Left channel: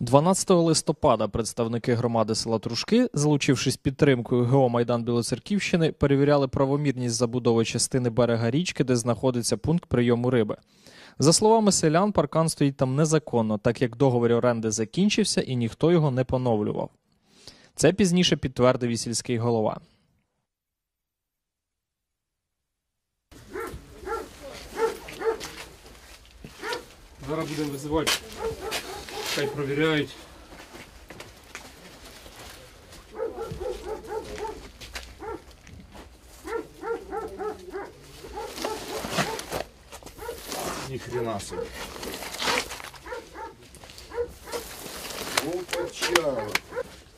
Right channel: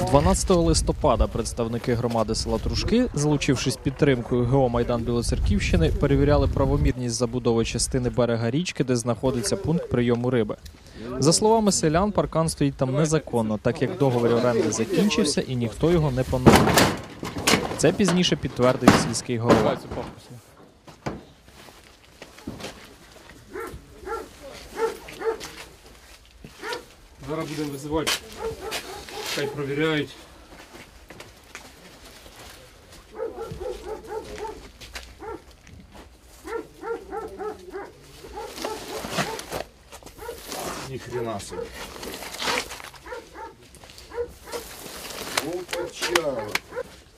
12 листопада представники громади села Трушки, залучившись підтримкою ГО Майдан Білоцерківщини, перевіряли правомірність забудови частини берега річки, де знаходиться пункт прийому риби. За словами селян, паркан стоїть там незаконно, так як договір оренди закінчився і ніхто його не поновлює. Це пізніше підтвердив сільський голова. Зараз будемо визивати. Хай провіряють. Ни хрена себе. Волкача.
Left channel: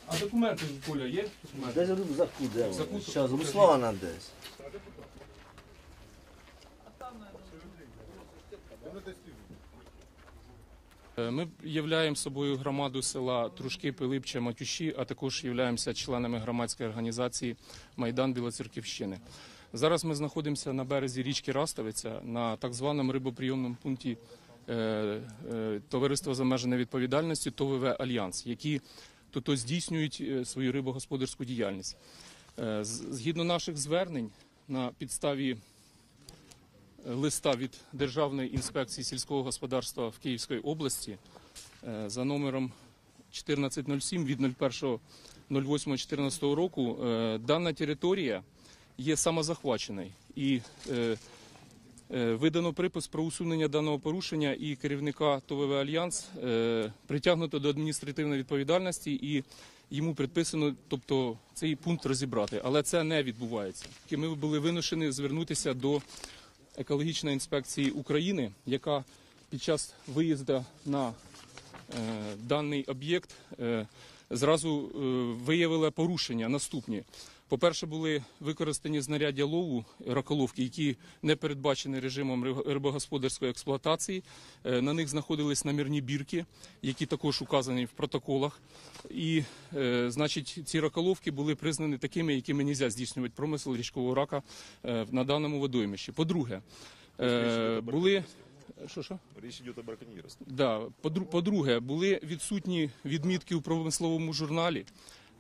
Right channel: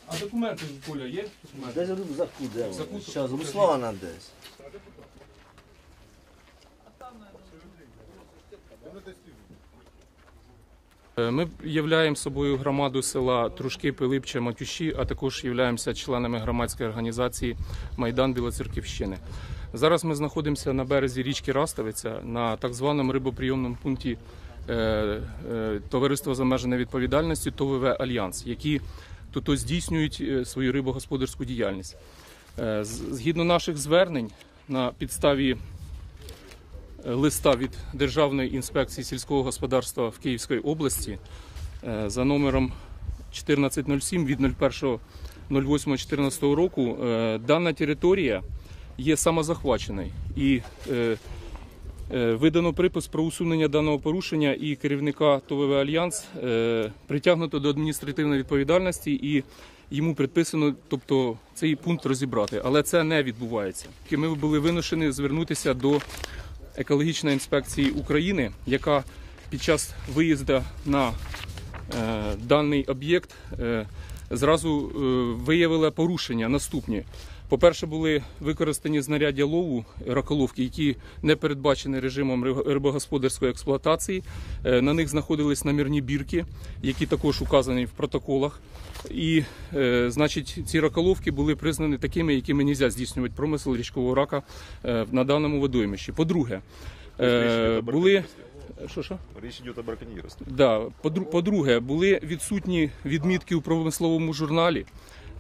А документи Коля є? Документи? Десь рюкзаку де Рюкзаку? воно. Зараз Руслана десь. Ми являємо собою громаду села Трушки, Пилипче, Матюші, а також являємося членами громадської організації Майдан Білоцерківщини. Зараз ми знаходимося на березі річки Раставиця на так званому рибоприйомному пункті е, е, Товариства з обмеженою відповідальності ТОВВ Альянс, які тут здійснюють е, свою рибогосподарську діяльність. Е, Згідно наших звернень на підставі листа від Державної інспекції сільського господарства в Київській області е, за номером 1407 від 01.08.14 року е, дана територія є самозахваченою і е, е, видано припис про усунення даного порушення і керівника ТОВВ Альянс е, притягнуто до адміністративної відповідальності і йому предписано, тобто цей пункт розібрати. Але це не відбувається. Ми були вимушені звернутися до екологічної інспекції України, яка під час виїзду на е, даний об'єкт е, зразу е, виявила порушення наступні. По-перше, були використані знаряддя лову раколовки, які не передбачені режимом риб- рибогосподарської експлуатації. Е, На них знаходились намірні бірки, які також указані в протоколах. І, е, значить, ці раколовки були признані такими, якими не можна здійснювати промисел річкового рака на даному водоймищі. По-друге, були. Що, що? Речь идет о браконьерстве. Да. По-друге, були відсутні відмітки у промисловому журналі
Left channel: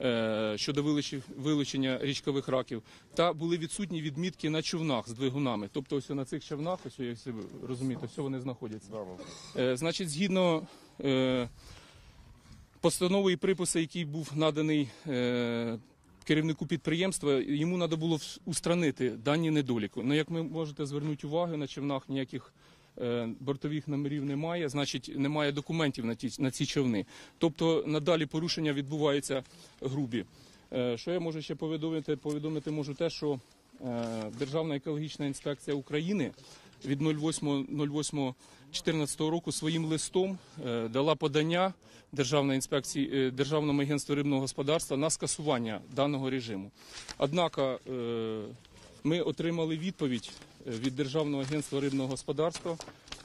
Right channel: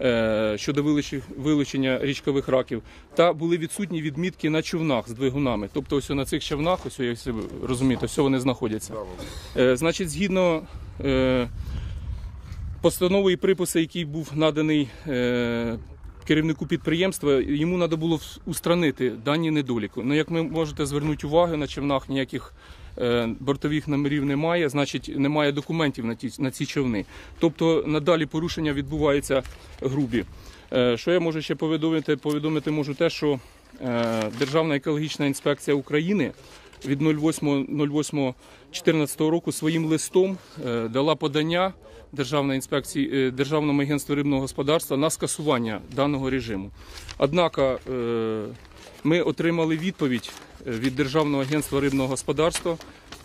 е, щодо вилучення річкових раків, та були відсутні відмітки на човнах з двигунами. Тобто, ось на цих човнах, ось як ви розумієте, ось вони знаходяться. Е, Значить, згідно е, постанови і приписи, який був наданий е, керівнику підприємства, йому треба було устранити дані недоліку. Ну, як ви можете звернути увагу, на човнах ніяких бортових номерів немає, значить немає документів на ті на ці човни. Тобто надалі порушення відбуваються грубі. Е, Що я можу ще повідомити? Повідомити можу те, що е, Державна екологічна інспекція України від 08.08.14 року своїм листом е, дала подання Державної інспекції е, Державному агентству рибного господарства на скасування даного режиму. Однак е, ми отримали відповідь е, від Державного агентства рибного господарства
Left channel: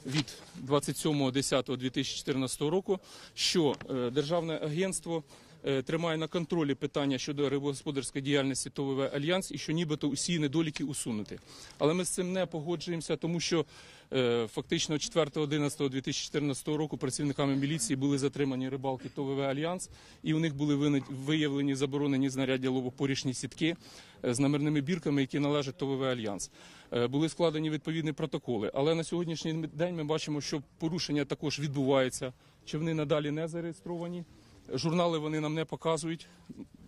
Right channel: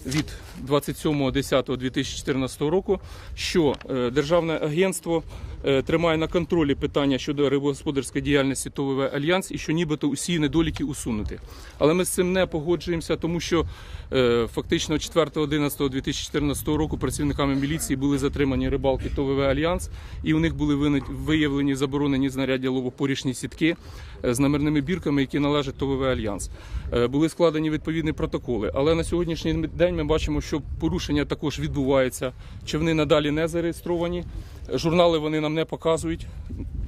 від 27.10.2014 року, що е, Державне агентство тримає на контролі питання щодо рибогосподарської діяльності ТОВВ Альянс і що нібито усі недоліки усунути. Але ми з цим не погоджуємося, тому що е, фактично 4.11.2014 року працівниками міліції були затримані рибалки ТОВВ Альянс, і у них були виявлені заборонені знаряддя ловопорішні сітки е, з номерними бірками, які належать ТОВВ Альянс. Е, Були складені відповідні протоколи. Але на сьогоднішній день ми бачимо, що порушення також відбувається. Човни надалі не зареєстровані. Журнали вони нам не показують,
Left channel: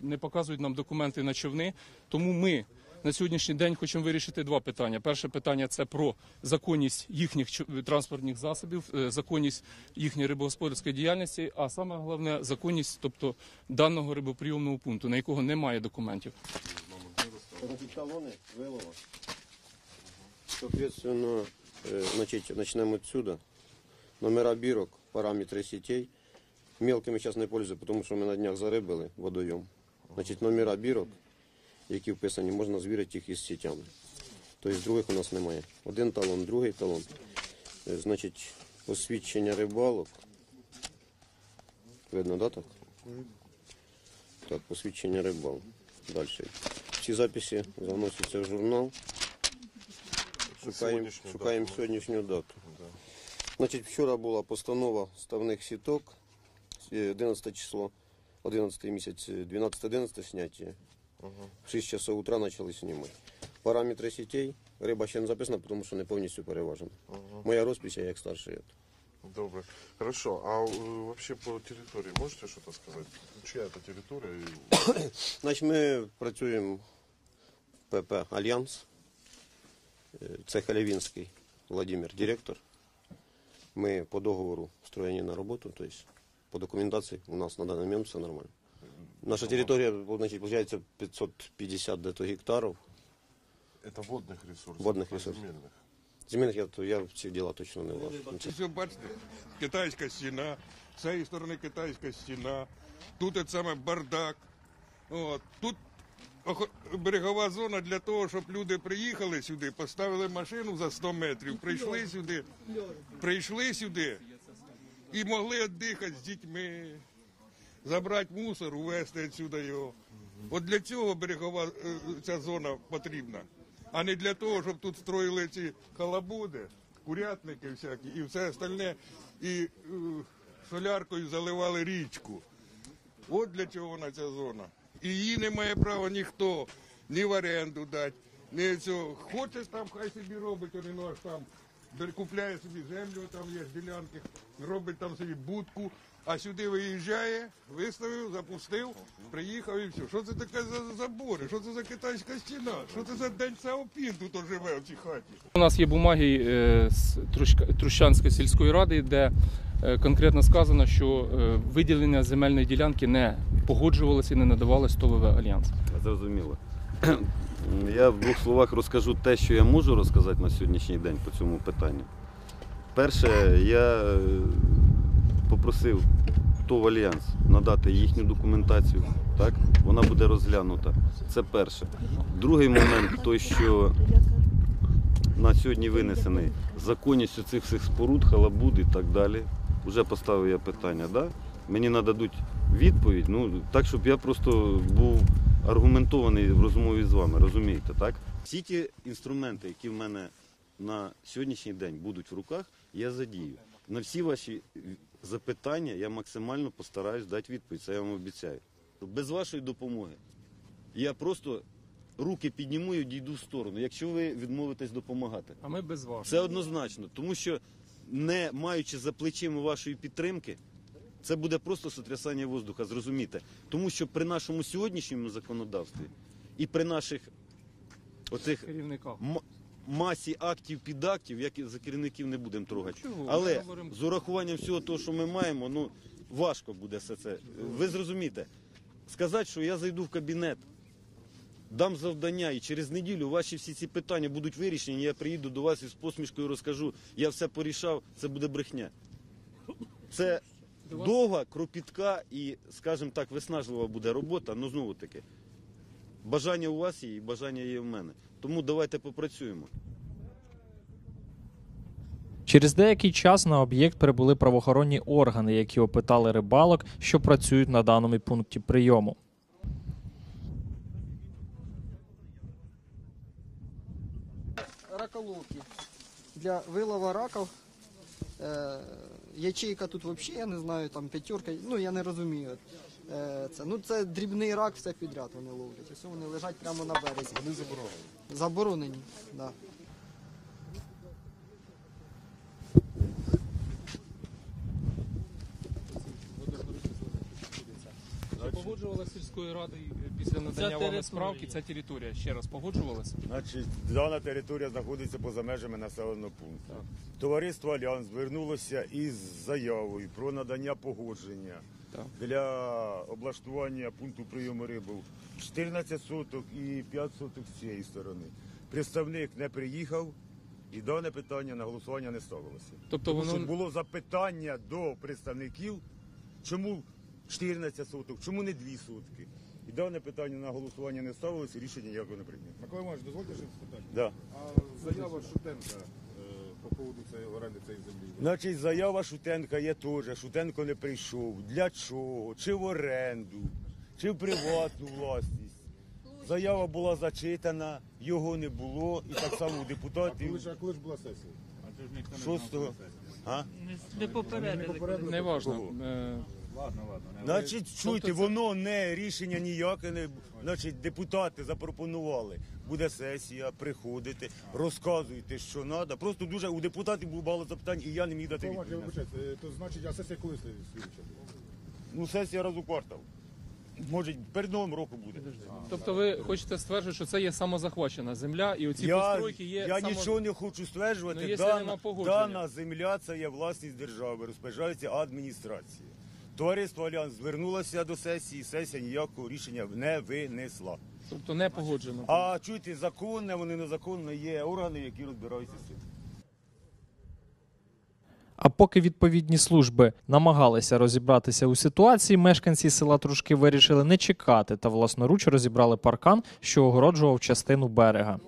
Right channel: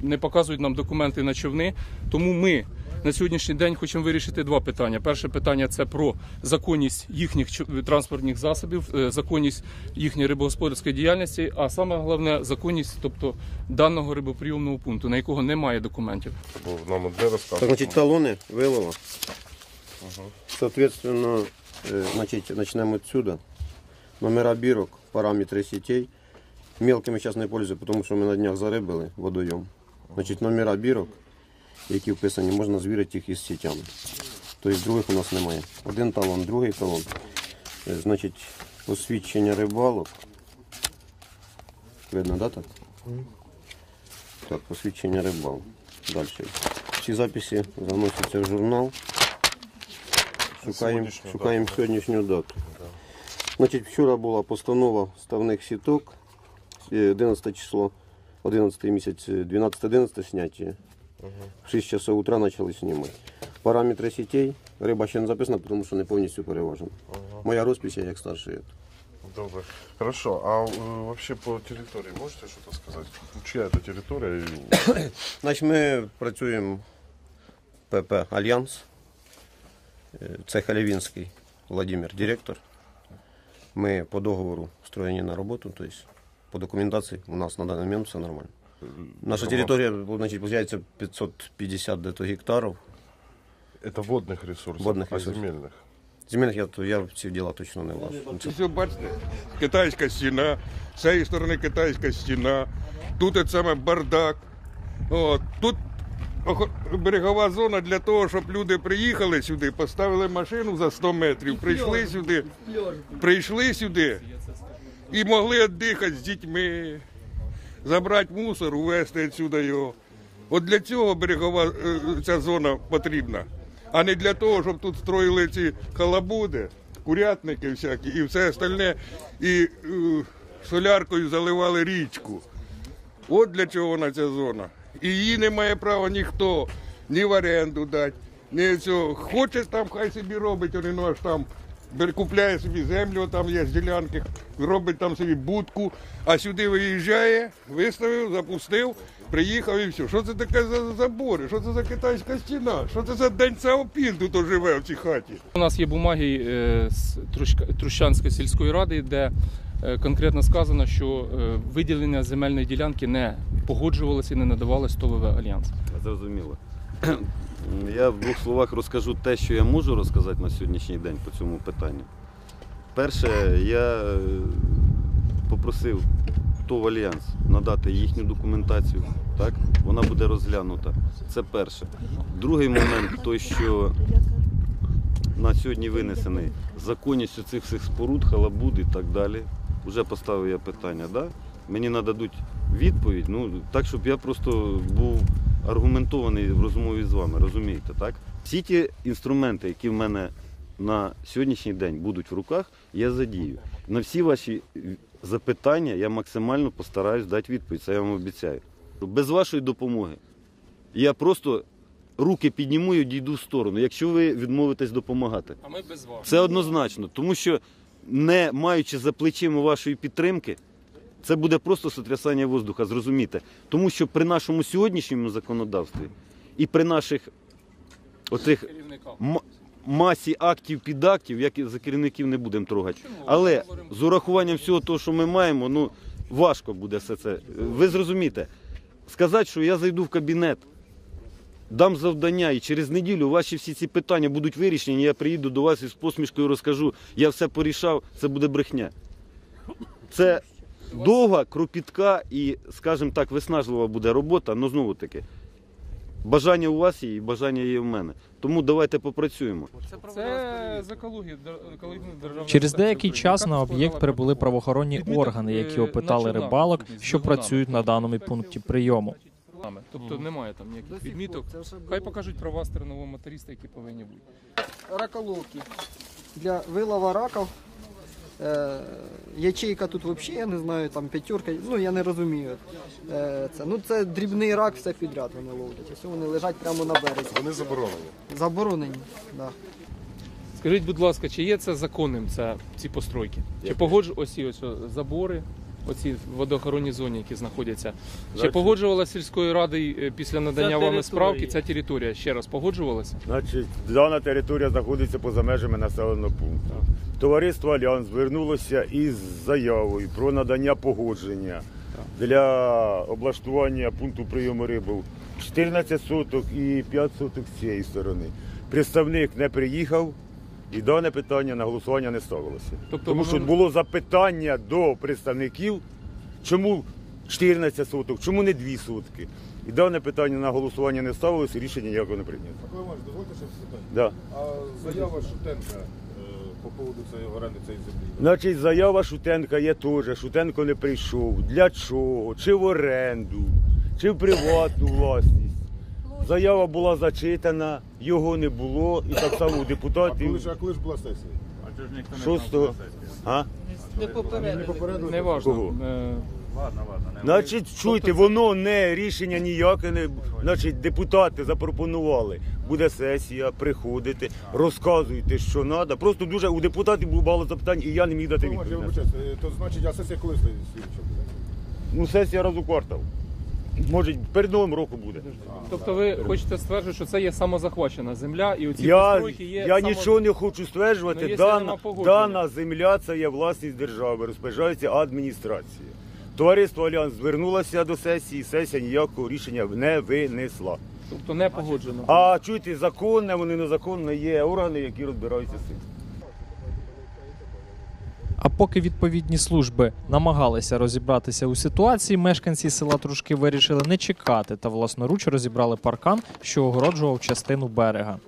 не показують нам документи на човни. Тому ми на сьогоднішній день хочемо вирішити два питання. Перше питання це про законність їхніх транспортних засобів, е, законність їхньої рибогосподарської діяльності, а саме головне законність, тобто даного рибоприйомного пункту, на якого немає документів. Нам де розказує? значить, талони вилова. Соответственно, э, значит, начнем отсюда. Номера бирок, параметры сетей. Мелкими сейчас не пользуюся, тому що ми на днях зарибили водойом. Значить, номера бірок, які вписані, можна звірити їх із сітями. Тобто других у нас немає. Один талон, другий талон. Е, Значить, посвідчення рибалок. Видно, да, так? Так, посвідчення рибалок. Далі. Всі записи заносяться в журнал. Шукаємо, сьогоднішню шукаємо дату, сьогоднішню дату. Значить, вчора була постанова ставних сіток, 11 число, 11 місяць, 12-11 зняття. В 6 часов утра почали знімати. Параметри сітей, риба ще не записана, тому що не повністю переважена. Моя розпись, я як старший. Добре. Хорошо, а э, вообще по территории можете что-то сказать? Чья это территория? и- Значить, ми працюємо ПП Альянс. Е, Це Халявінський Владимир, директор. Ми по договору встроєні на роботу, тобто по документації у нас на даний момент все нормально. Наша територія, значить, виходить 550 дето гектарів. Это водных ресурсов, Водных а ресурсов. земельных? Земельних я, я в ці діла точно не влажу. Ось бачите, китайська стіна, з цієї сторони китайська стіна, тут от саме бардак. От, тут охо- берегова зона для того, щоб люди приїхали сюди, поставили машину за 100 метрів, прийшли сюди, прийшли сюди і могли віддихати з дітьми, забрати мусор, увезти відсюди його. От для цього берегова е, ця зона потрібна, а не для того, щоб тут строїли ці халабуди, курятники всякі і все остальне, і е, соляркою заливали річку. От для чого вона ця зона. І її не має права ніхто ні в оренду дати, ні цього. Хоче там, хай собі робить, вони ну аж там купляє собі землю, там є ділянки, робить там собі будку, а сюди виїжджає, виставив, запустив, приїхав і все. Що це таке за забори? Що це за китайська стіна? Що це за день Саопін тут живе в цій хаті? У нас є бумаги е, з Трущанської сільської ради, де е, конкретно сказано, що е, виділення земельної ділянки не погоджувалося і не надавалось ТОВВ Альянс. Зрозуміло. Я в двох словах розкажу те, що я можу розказати на сьогоднішній день по цьому питанню. Перше, я е, попросив ТОВ Альянс надати їхню документацію. Так? Вона буде розглянута. Це перше. Другий момент той, що на сьогодні винесений законність цих всіх споруд, халабуд і так далі. Уже поставив я питання, да? мені нададуть відповідь, ну так, щоб я просто був аргументований в розмові з вами, розумієте, так? Всі ті інструменти, які в мене на сьогоднішній день будуть в руках, я задію. На всі ваші запитання я максимально постараюсь дати відповідь, це я вам обіцяю. Без вашої допомоги я просто руки підніму і дійду в сторону, якщо ви відмовитесь допомагати. А ми без вас. Це однозначно, тому що не маючи за плечима вашої підтримки, це буде просто сотрясання воздуха, зрозумійте. Тому що при нашому сьогоднішньому законодавстві і при наших Керівника. м- масі актів підактів, як і за керівників не будемо трогати. Але з урахуванням всього того, що ми маємо, ну важко буде все це. Ви зрозумієте, сказати, що я зайду в кабінет, дам завдання, і через неділю ваші всі ці питання будуть вирішені. Я приїду до вас із посмішкою розкажу, я все порішав, це буде брехня. Це довга, кропітка і, скажімо так, виснажлива буде робота, але знову таки. Бажання у вас є і бажання є в мене. Тому давайте попрацюємо. Це з екології, Через деякий час на об'єкт прибули правоохоронні органи, які опитали рибалок, що працюють на даному пункті прийому. Тобто немає там ніяких відміток. Хай покажуть права стернового моториста, які повинні бути. раколовки для вилова раків. Ячейка тут взагалі, я не знаю, там п'ятерка, ну я не розумію. Е, це, ну, це дрібний рак, все підряд вони ловлять. Ось вони лежать прямо на березі. Вони заборонені. Заборонені. Да. Скажіть, будь ласка, чи є це законним це, ці постройки? Чи погоджу ось ці ось забори, оці в водоохоронній зоні, які знаходяться? Чи погоджувалася сільською радою е, після надання вами справки ця територія? Ще раз погоджувалася? Значить, дана територія знаходиться поза межами населеного пункту. Товариство Альянс звернулося із заявою про надання погодження для облаштування пункту прийому риби 14 соток і 5 соток з цієї сторони. Представник не приїхав і дане питання на голосування не ставилося. Тобто Тому що було запитання до представників, чому 14 соток, чому не 2 сотки. І дане питання на голосування не ставилося, і рішення ніякого не прийнято. Да. А заява Шутенка е, по поводу цієї оренди цієї землі. Значить, заява Шутенка є теж. Шутенко не прийшов. Для чого? Чи в оренду, чи в приватну власність. Заява була зачитана, його не було, і так само у А коли депутатів ж, а коли ж була сесія? 6 А? Не важно. Кого? Е, Значить, чуйте, воно не рішення ніяке не. Значить, депутати запропонували. Буде сесія, приходите, розказуйте, що треба. Просто дуже у депутатів було багато запитань, і я не міг дати відповідь. на це. То значить, а сесія коли слідча? Ну, сесія раз у квартал. Може, перед новим роком буде. Тобто ви хочете стверджувати, що це є самозахвачена земля і оці Я, постройки є я само- нічого не хочу стверджувати. Ну, дана, погоджена. дана земля це є власність держави, розпоряджається адміністрація. Товариство Альянс звернулося до сесії, сесія ніякого рішення не винесла. Тобто не погоджено. А чуйте, законне, вони незаконне, є органи, які розбираються з цим. А поки відповідні служби намагалися розібратися у ситуації, мешканці села Трушки вирішили не чекати та власноруч розібрали паркан, що огороджував частину берега.